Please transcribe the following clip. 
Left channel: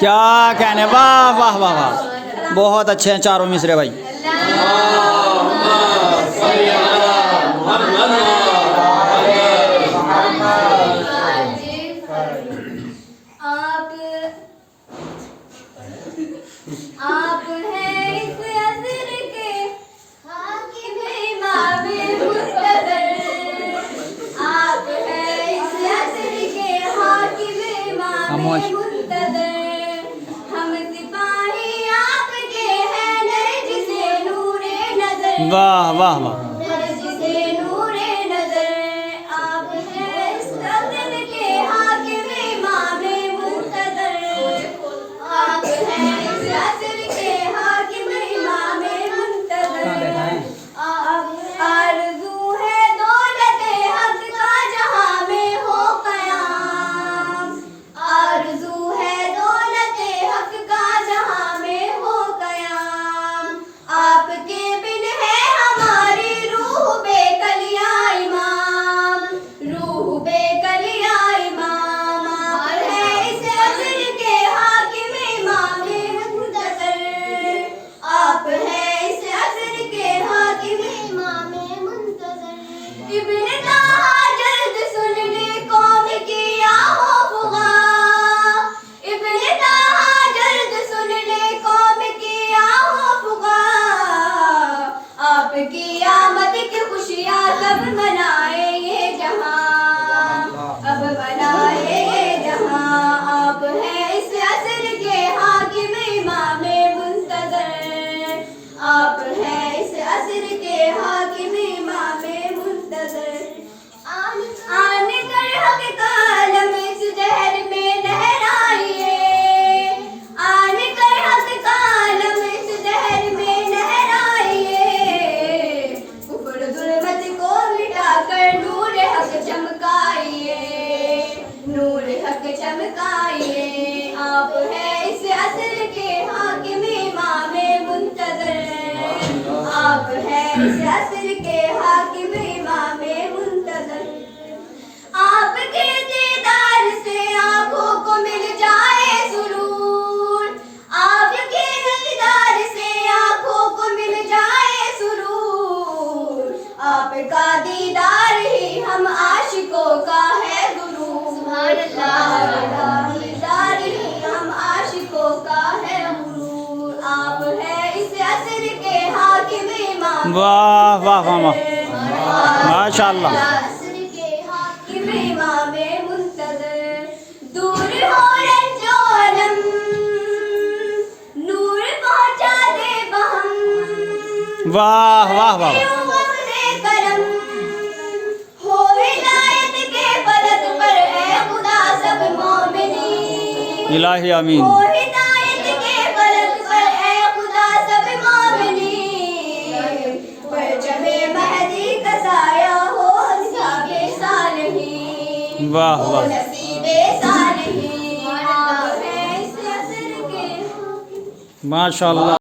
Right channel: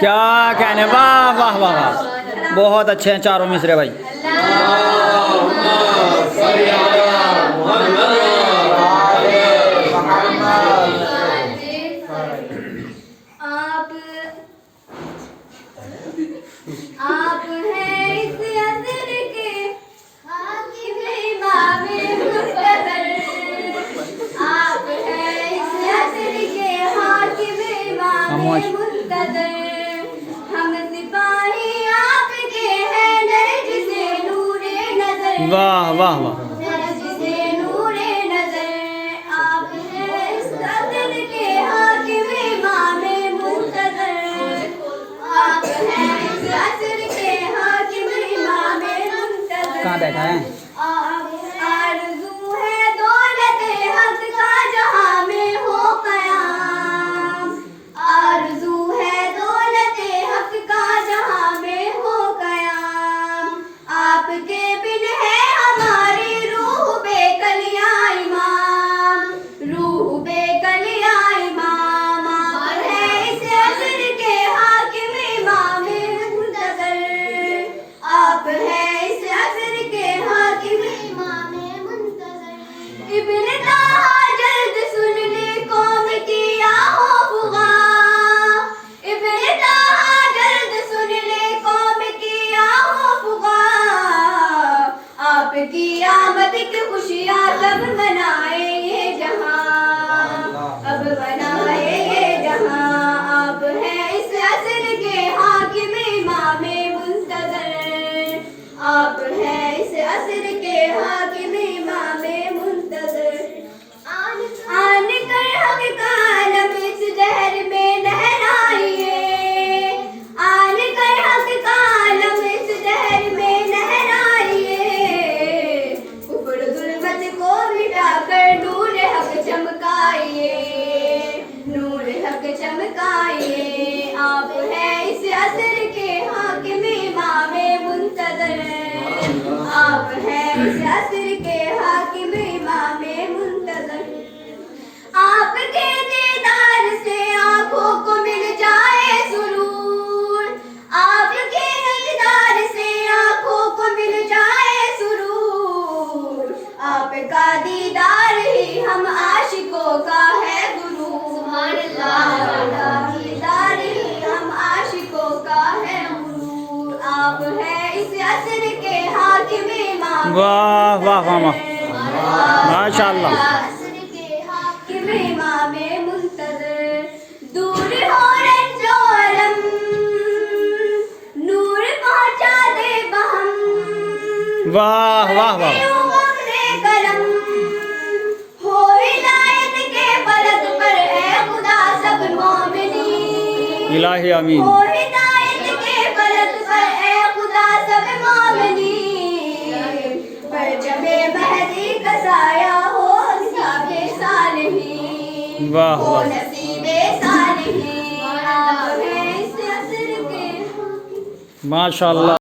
کیا کہنے، واہ واہ واہ واہ، بہت اچھے ہیں چاروں مصرے بھائی۔ آپ ہیں اس عصر کے حاکم امام منتظر، آپ ہیں اس عصر کے حاکم امام منتظر، ہم سپاہی آپ کے ہیں نرج سے نور نظر، واہ واہ واہ، نرج سے نور نظر، آپ ہیں اس عصر کے حاکم امام منتظر، آپ ہیں اس عصر کے حاکم امام منتظر۔ کہاں بیٹھا ہے؟ آرزو ہے دولت حق کا جہاں میں ہو قیام، آرزو ہے دولت حق کا جہاں میں ہو قیام، آپ کے بن ہے ہماری روح بے کلیاں امام، روح بے کلیاں امام، آپ ہے اس عصر کے حاکم امام منتظر، آپ ہے اس عصر کے حاکم امام منتظر۔ ابن طہٰ جلد سن لی قوم کی آہو فغاں، ابن طہٰ جلد سن لی قوم کی آہو فغاں، آپ کی آمد کی خوشیاں سب منائے یہ جہاں، اب منائے یہ جہاں، آپ ہیں اس عصر کے حاکم امام منتظر، آپ ہیں اس عصر کے حاکم امام منتظر۔ آن کر حق کا علم اس دہر میں لہرائیے، آن کر حق کا علم اس دہر میں لہرائیے، کفر ظلمت کو مٹا کر نور حق چمکائیے، نور حق چمکائیے، آپ ہیں اس عصر کے حاکم امام منتظر، آپ ہیں اس عصر کے حاکم امام منتظر۔ آپ کے دیدار سے آنکھوں کو مل جائے سرور، آپ کے دیدار سے آنکھوں کو مل جائے سرور، آپ کا دیدار ہی ہم عاشقوں کا ہے غرور، آپ کا دیدار ہی ہم عاشقوں کا ہے غرور، آپ ہیں اس عصر کے حاکم امام واہ واہ واہ واہ، ماشاء اللہ۔ عصر کے حاکم امام منتظر، دور ہو رنج و الم نور پہنچا دے بہم، واہ واہ واہ، کرم ہو ہدایت کے فلک پر اے خدا سب مومنین، الہی آمین۔ ہو ہدایت کے فلک پر اے خدا سب مومنین، پرچم مہدی کا سایہ ہو نصیب صالحین، واہ ہو واہ، نصیب صالحین، آپ ہیں اس عصر کے ماشاء اللہ۔